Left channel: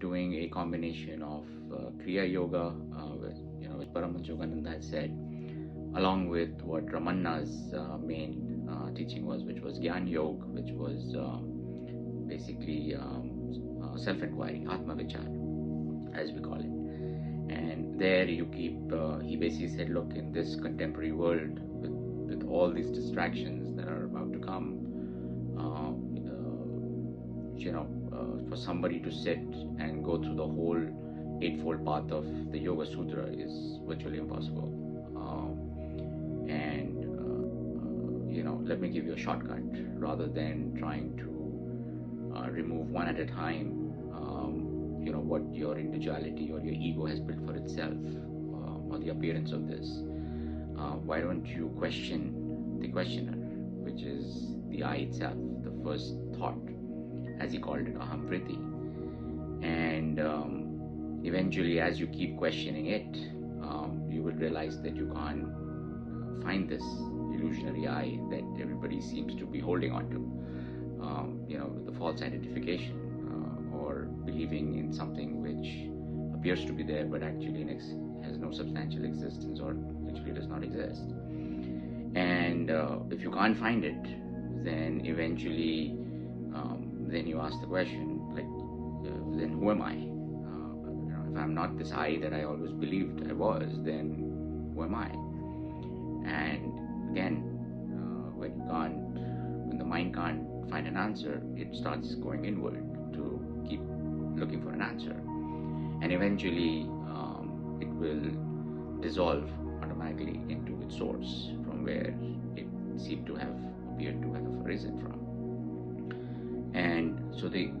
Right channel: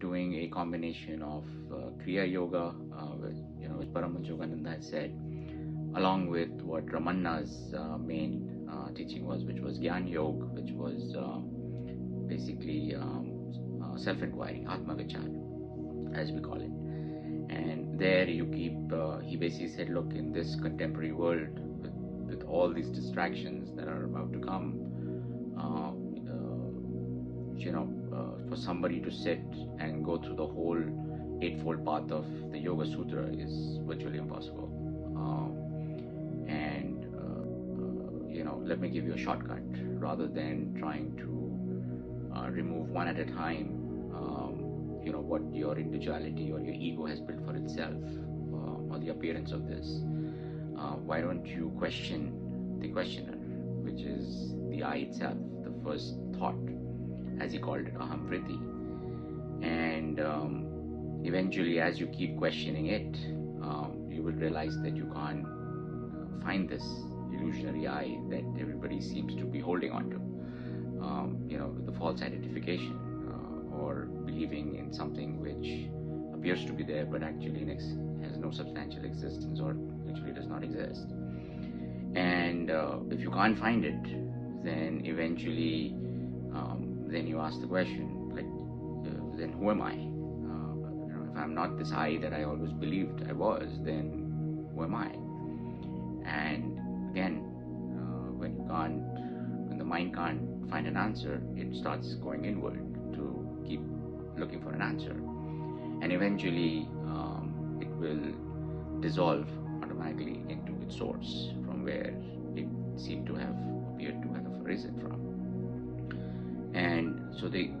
doing a combination of Kriya Yoga, which Paramahansa Yogananda had said, along with what Ramanna's main teaching was, which was Gyan Yoga, which was basically self-inquiry, Atma Vichar, as we call it. And there you keep, he basically said, look, in this contemporary world, with all these distractions that are about to come, for somebody to sit and go through the whole eightfold path of the Yoga Sutra is virtually impossible. Let me give you a shortcut rather than trying to remove one at a time. What your individuality or your ego has built for itself, or the appearance of this. Why don't you question the questioner, which is the I itself, the first thought, as he called it, aham vritti. And eventually, as you keep questioning it, you will realize that you can't find this illusionary I that everybody seems to be holding on to. The false identification, or believing in something which appears to be there but actually has no substantial existence, or actually does not exist. And if you can't find it, then eventually then you ask the question, like, then who am I? If I'm not this I that I always believed I was, then who am I? And again, when the mind can't find an answer, it starts going inward to keep looking for an answer, and eventually it will dissolve automatically into its source, from where it seemed to have appeared to have arisen from. And so the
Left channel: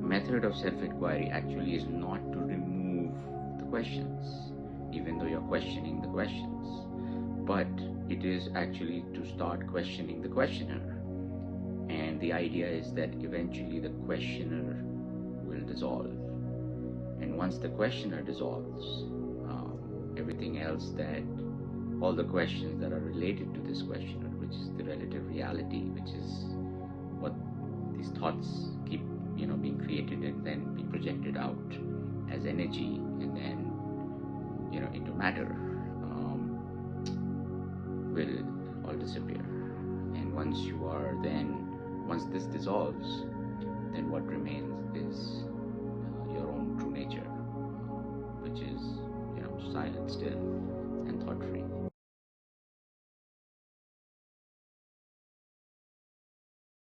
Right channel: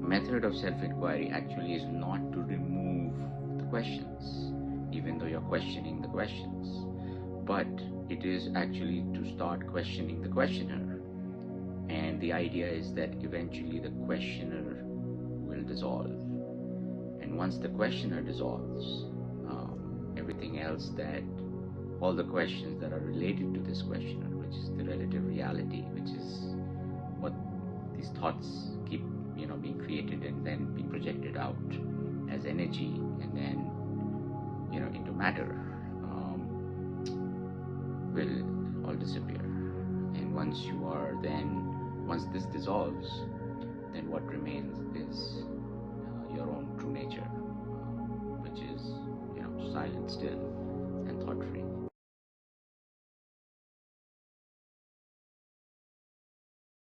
method of self-inquiry actually is not to remove the questions, even though you're questioning the questions, but it is actually to start questioning the questioner. And the idea is that eventually the questioner will dissolve. And once the questioner dissolves, everything else, all the questions that are related to this questioner, which is the relative reality, which is what these thoughts keep being created and then being projected out as energy and then into matter, will all disappear. And once this dissolves, then what remains is your own true nature, which is silent, still, and thought free.